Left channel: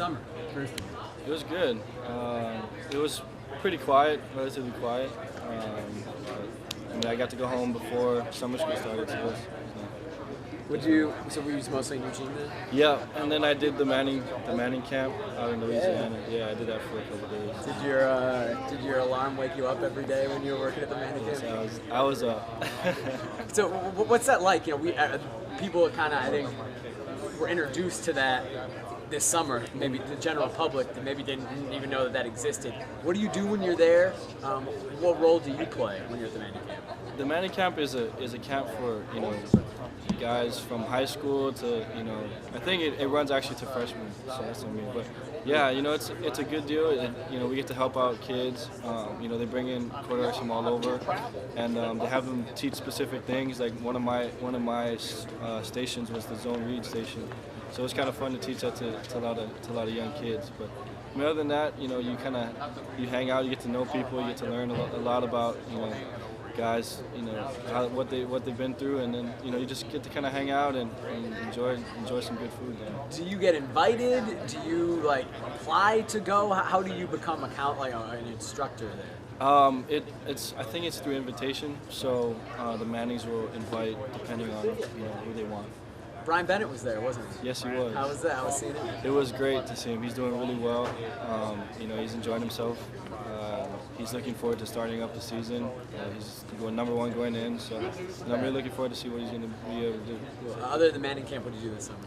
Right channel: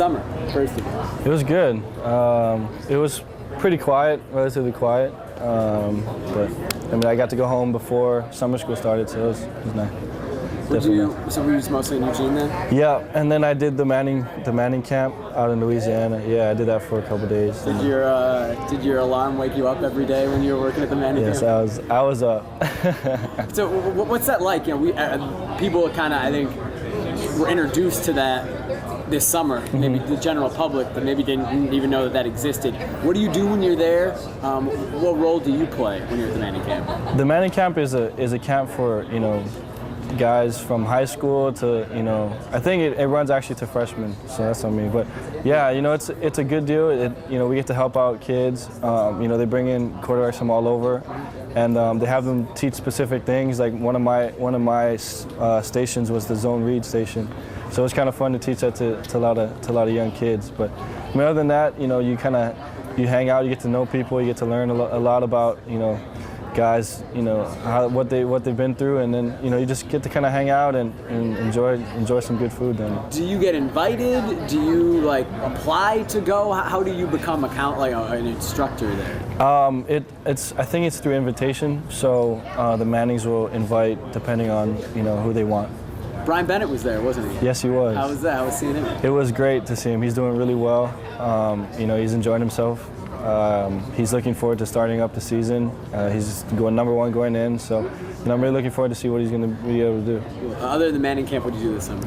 summer, first of all? It was good. It was pretty quiet, relatively quiet. But I mean, I got to go home before summer school started, so it was nice. So were you just mostly in Eugene then? Yeah, and then I did the Manning camp out in Louisiana. Yeah, I did that for a couple days. Did your alarm wake you up every day when you were working at the Manning camp? Yes, I was up. So what's that like? You know, people kind of, I think, were introduced to that this summer. Maybe the general public that maybe didn't even know that existed. What do you do when you're there? What role do you play when you're at the Manning camp? The Manning camp is a camp for, you know, guys from high school to, you know, I think it runs actually to freshmen, so that's on me. But yeah, you know, it's a good deal. You know, we get to help out kids. You know, they bring in quarterbacks from all over, and they have them teach specific things. Like one of my stations was the zone read station, so it's kind of fun to teach that to a lot of young kids. But I mean, other than that, you know, you hang out, you get to know people, you get to learn a lot about, you know, guys, you know, what they've been through, and then, you know, you just get to kind of hang out and enjoy some good food. Then. Do you get invited? Do you like apply to go? How do you become an instructor there? I think it's through invitation. So the Mannings will invite depending on, you know, who they want. Brian Bennett was there, wasn't he? Yes, he was. How was that? How was seeing him? It was great to see him. He's doing really well. You know, he's enjoying himself. He's looking forward to starting up the season. He's going #1 going in, so, you know, I'm really looking forward to see what he's going to be able to do. Other than Manning camp, what did you do this summer?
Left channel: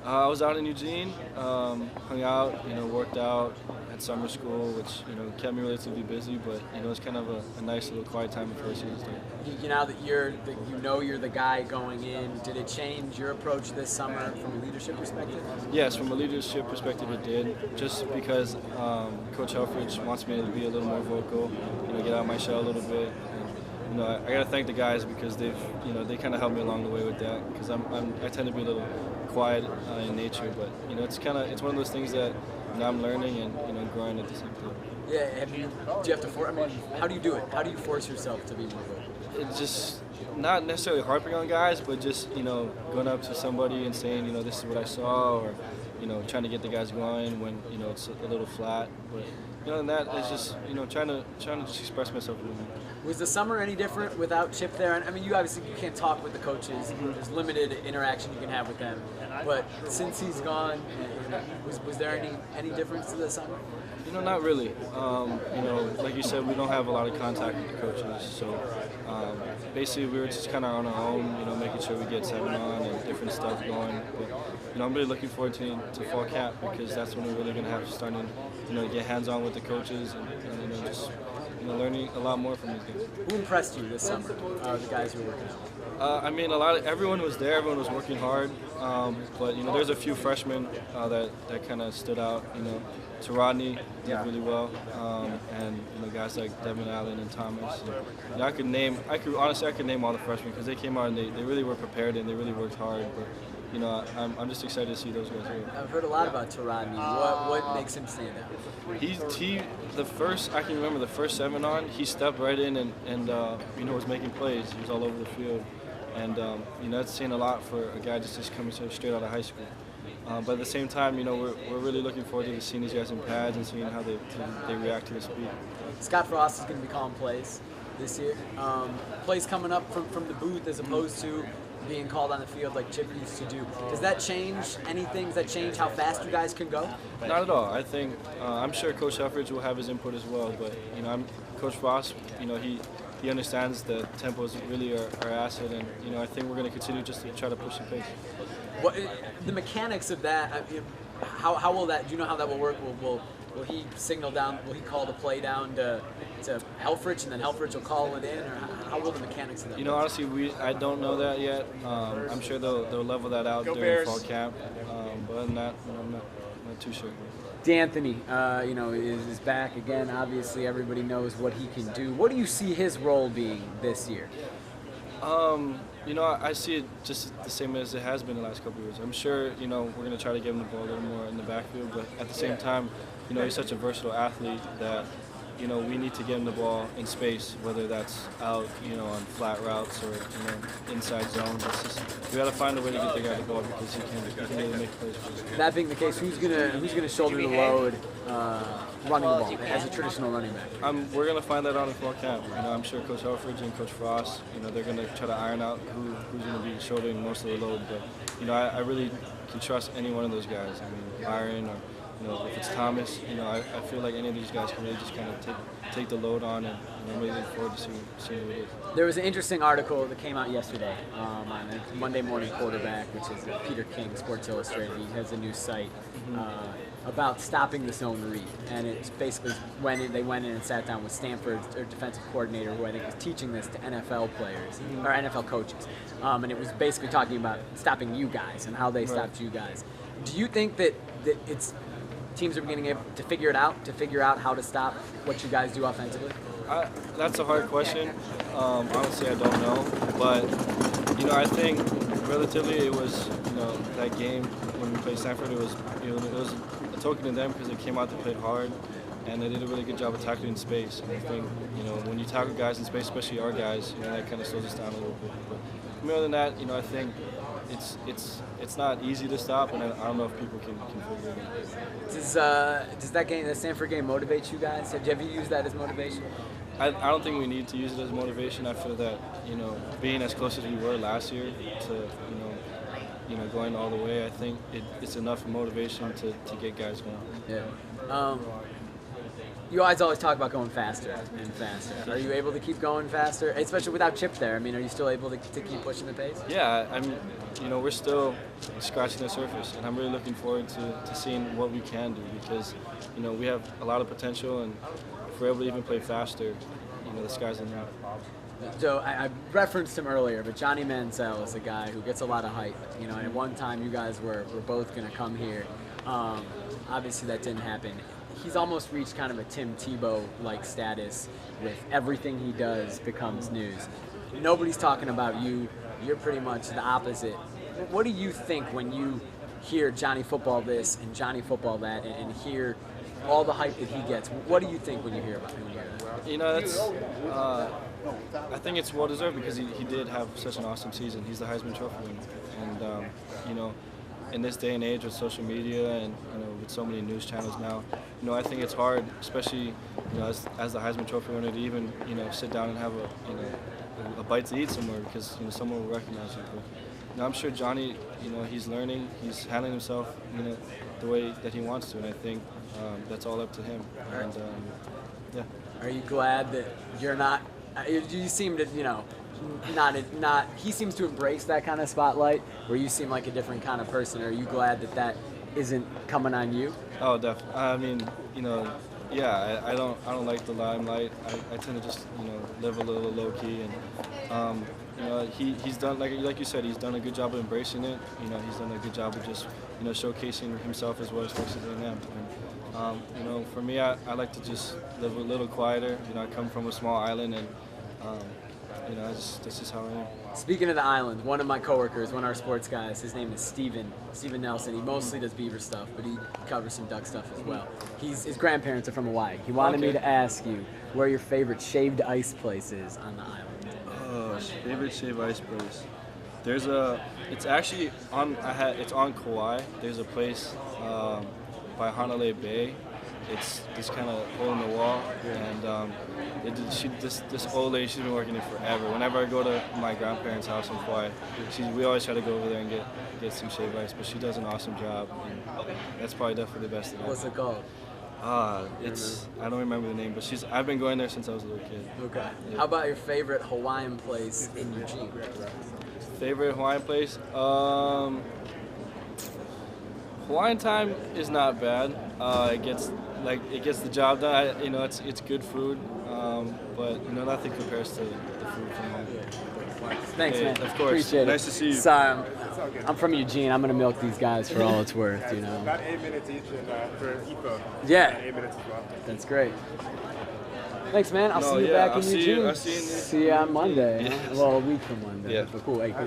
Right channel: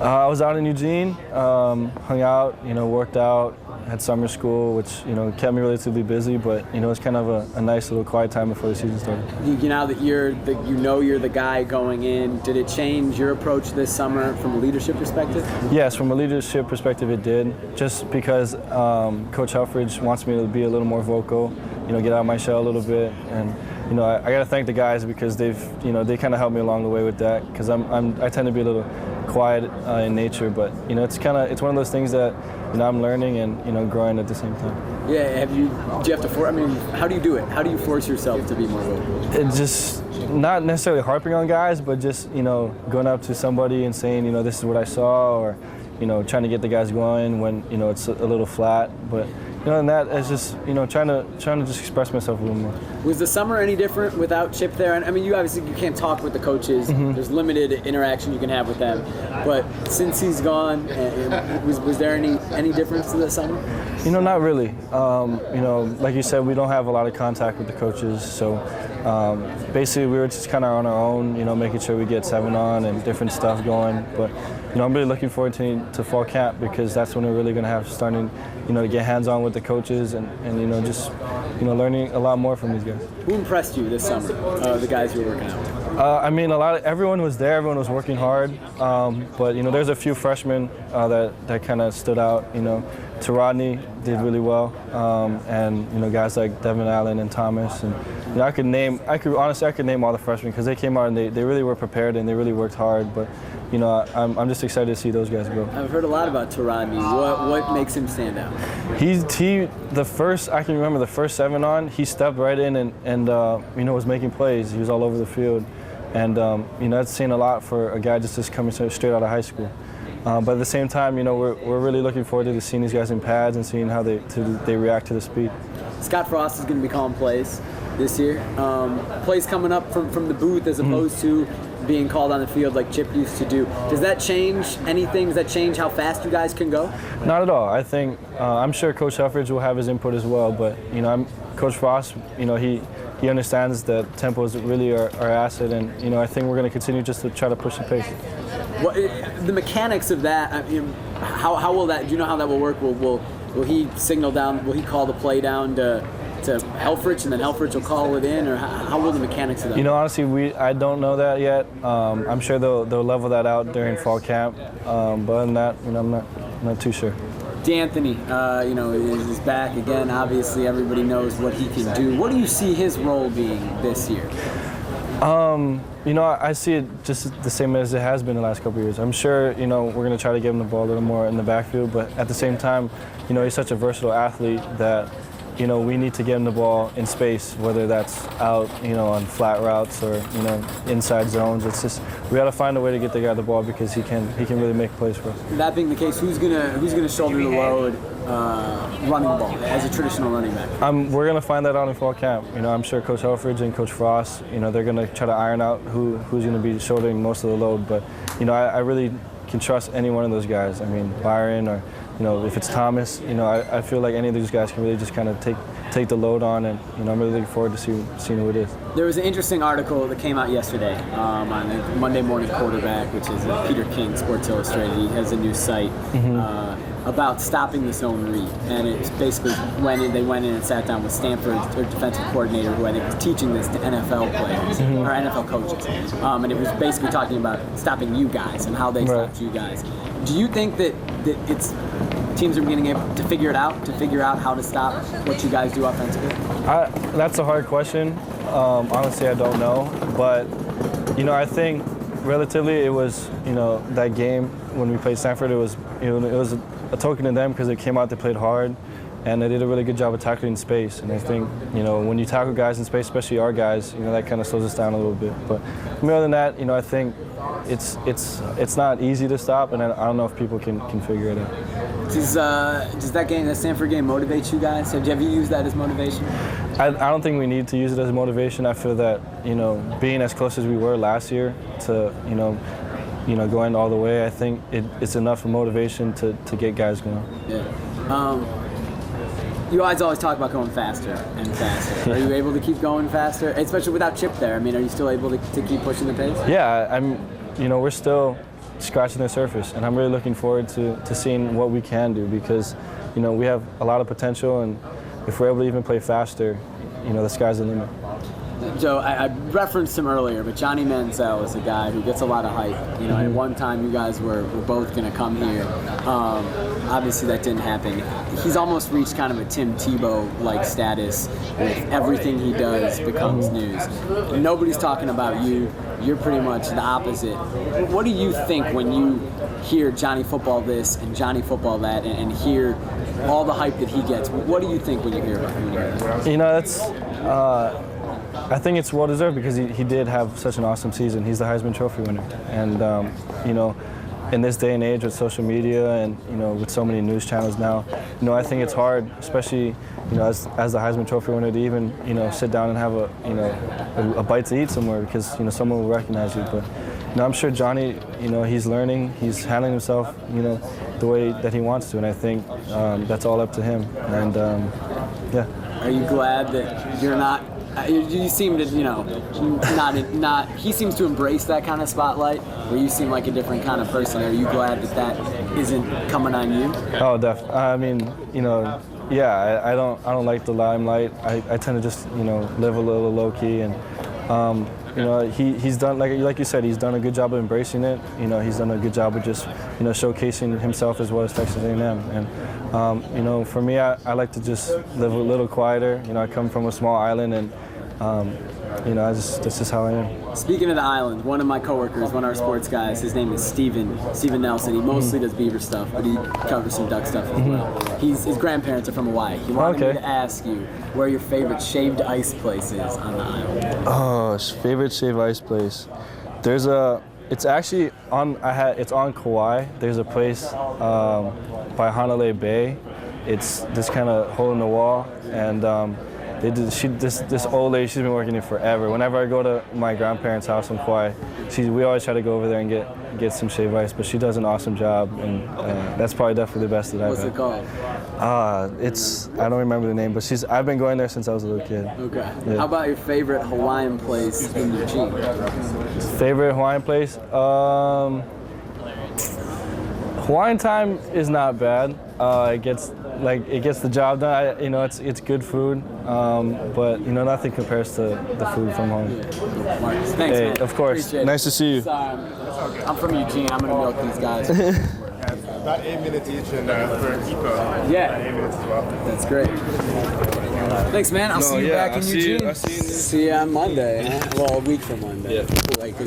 I was out in Eugene, hung out, you know, worked out, had summer school, which, you know, kept me relatively busy, but, you know, it's kind of a nice little quiet time before the season started. Now that you're the guy going in, did it change your approach this summer from a leadership perspective? Yes, from a leadership perspective it did, just because Coach Helfrich wants me to be a little more vocal, you know, get out of my shell a little bit, and, you know, I got to thank the guys because they kind of helped me along the way with that, because I tend to be a little quiet in nature, but, you know, it's one of those things that, you know, I'm learning and, you know, growing at the same time. Yeah, do you have to I mean, how do you do it? How do you force yourself to be more vocal? It's just not necessarily harping on guys, but just, you know, going up to somebody and saying, you know, this is what I saw, or, you know, trying to get the guys going when, you know, it's a little flat, but, you know, and that is just, you know, trying to just express myself a little more. Was the summer any different without Chip there? I mean, you can't talk with the coaches. There's limited interaction you can have with them. But since he's gone, was there any difference to the summer? You know, not really. You know, like you said, we don't have a lot of contact with the coaches, so basically we were just kind of on our own, you know, making sure we get 7 on and different stuff going. But, you know, I'm really looking forward to fall camp, because that's when we're really going to have starting, you know, to get hands-on with the coaches and, you know, just, you know, learning a lot more from these guys. Who impressed you this summer, the guys you were working out with? I mean, everyone was there, everyone was working hard, but, you know, there's a few freshmen that kind of stood out, you know. Rodney did really well, and, you know, guys like Devin Allen and Thomas, and, you know, I could name all the freshmen, because they came out and they really were prepared and they really worked hard, but, you know, I'm just excited to see those guys go. I've heard a lot about Rodney. What makes him stand out? I can remember the first 7 on, he stepped right in and you know, was making plays. He was all over the field, and, you know, that's saying a lot for a guy just coming straight out of high school. But at the same time, you know, we're really looking forward to seeing these guys in pads and seeing how they react to the speed. Scott Frost is going to be calling plays this year. Plays coming up from the booth as opposed to being called on the field like Chip used to do. Does that change anything? Does that change how fast you guys can go? Not at all. I think I'm sure Coach Helfrich will have his input as well, but, you know, Coach Frost, you know, he understands that tempo is really our asset, and, you know, I think we're going to continue just to try to push the pace. The mechanics of that, I mean, how will that? Do you know how that will work? Will he signal down? Will he call the play down to Helfrich, and then Helfrich will call it in, or how will the mechanics of that? You know, honestly, I don't know that yet. I'm sure they'll level that out during fall camp. But other than that, you know, I'm not too sure. D'Anthony, you know, is back again. Obviously, everybody knows what he can do. What do you see his role being this year? You know, I see it just the same as it has been the last couple of years. I'm sure, you know, we're going to try to give him the ball a little more in the backfield, but at the same time, you know, he's such a versatile athlete that, you know, we need to get him the ball in space, whether that's out, you know, on flat routes or, you know, inside zones. It's just we got to find a way to get the guy the ball because he can really make plays for us. That being the case, who's gonna shoulder the load running the ball as a traditional running back? We're gonna find that out in fall camp. You know, I'm sure Coach Helfrich and Coach Frost, you know, they're gonna try to iron out who's gonna be shouldering most of the load. But you know, I really can trust any one of those guys. I mean, Byron or, you know, if it's Thomas, you know, I feel like any of these guys can really just kind of take the load on, and you know, I'm really looking forward to seeing who it is. There was an interesting article that came out yesterday on the Monday Morning Quarterback, which is Peter King, Sports Illustrated. He has a new site about stopping the zone read, and it's basically they went in and sat down with Stanford's defensive coordinator, who I think was teaching this to NFL players or NFL coaches, and it was basically talking about stopping you guys and how they stopped you guys. Do you think that it's teams are beginning to figure it out, how to stop what you guys do offensively? That's a hard question. Honestly, I don't know, but you know, I think relatively it was, you know, that game when we played Stanford, it was a token to them because they came out, they played hard, and they did a really good job of tackling in space. And I think, you know, when you tackle guys in space, especially our guys, you know, that kind of slows us down a little bit. But more than that, you know, I think it's not easy to stop, and I don't know if people can figure it out. Does that Stanford game motivate you guys? Have you used that as motivation? I don't think we need to use it as motivation. I feel that, you know, being as close as we were last year to, you know, going all the way, I think it's enough for motivation to get guys going. Yeah. You guys always talk about going faster and faster. Are you able to keep going faster, especially without Chip there? I mean, are you still able to keep pushing the pace? Yeah, you know, we're still scratching the surface, and I'm really looking forward to seeing what we can do because, you know, we have a lot of potential, and if we're able to even play faster, you know, the sky's the limit. So I referenced him earlier, but Johnny Manziel is a guy who gets a lot of hype. You know, at one time you guys were both going to come here. Obviously that didn't happen. He's almost reached kind of a Tim Tebow-like status with everything he does becomes news. Nobody's talking about you. You're pretty much the opposite. What do you think when you hear Johnny Football this and Johnny Football that and hear all the hype that he gets? What do you think when you hear about him? You know, that's... I think it's well-deserved because he did have such an awesome season. He's the Heisman Trophy winner. And, you know, in this day and age with social media and, you know, with so many news channels now, you know, I think it's hard, especially, you know, as the Heisman Trophy winner to even, you know, sit down and have a bite to eat somewhere because, you know, someone will recognize you. But, you know, I'm sure Johnny, you know, he's learning, he's handling himself, you know, the way that he wants to. And I think that's all up to him. And, yeah. Are you glad that you're not... You seem to, you know, not. He seems to embrace that kind of spotlight, where you seem like a different kind of person. Are you glad that isn't coming on you? Oh, definitely. I mean, you know, yeah. I don't like the limelight. I tend to just, you know, live a little low key, and you know, he's done like you said, he's done a good job of embracing it. You know, he's done a good job of just, you know, showcasing himself as well as Texas A&M. And you know, for me, I like to just live a little quieter. You know, I come from a small island, and you know, this is how I am. Speaking of the island, one of my coworkers, one of our sports guys, his name is Steven Nelson. He mostly does beaver stuff, but he covers some duck stuff as well. His grandparents are from Hawaii. He wanted me to ask you where your favorite shaved ice place is on the island. Oh, favorite shaved ice place. It's actually it's on Kauai. There's a place by Honolulu Bay. It's this kind of hole in the wall, and this old lady, she's been working there forever. Whenever I go to my grandparents' house in Kauai, we always try to go over there and get some shaved ice, but she does an awesome job, and that's probably definitely the best that I've had. What's it called? I don't remember the name, but I've been going there since I was a little kid. Okay. Yeah. How about your favorite Hawaiian place in Eugene? Favorite Hawaiian place? Hawaiian time is not bad. It gets the job done. You know, it's good food, but you know, nothing compares to the food from home. Marcus, thanks, man. Of course. Appreciate nice to see you. Sorry, I'm from Eugene. I'm gonna milk these guys for all it's worth. You know? About 8 minutes each, and for Eco, Yeah. 8 minutes as well. That's great. Thanks, man. I'll see you back in Eugene. See you See you on Monday. Well, a week from Monday. Yeah. Cool. Like,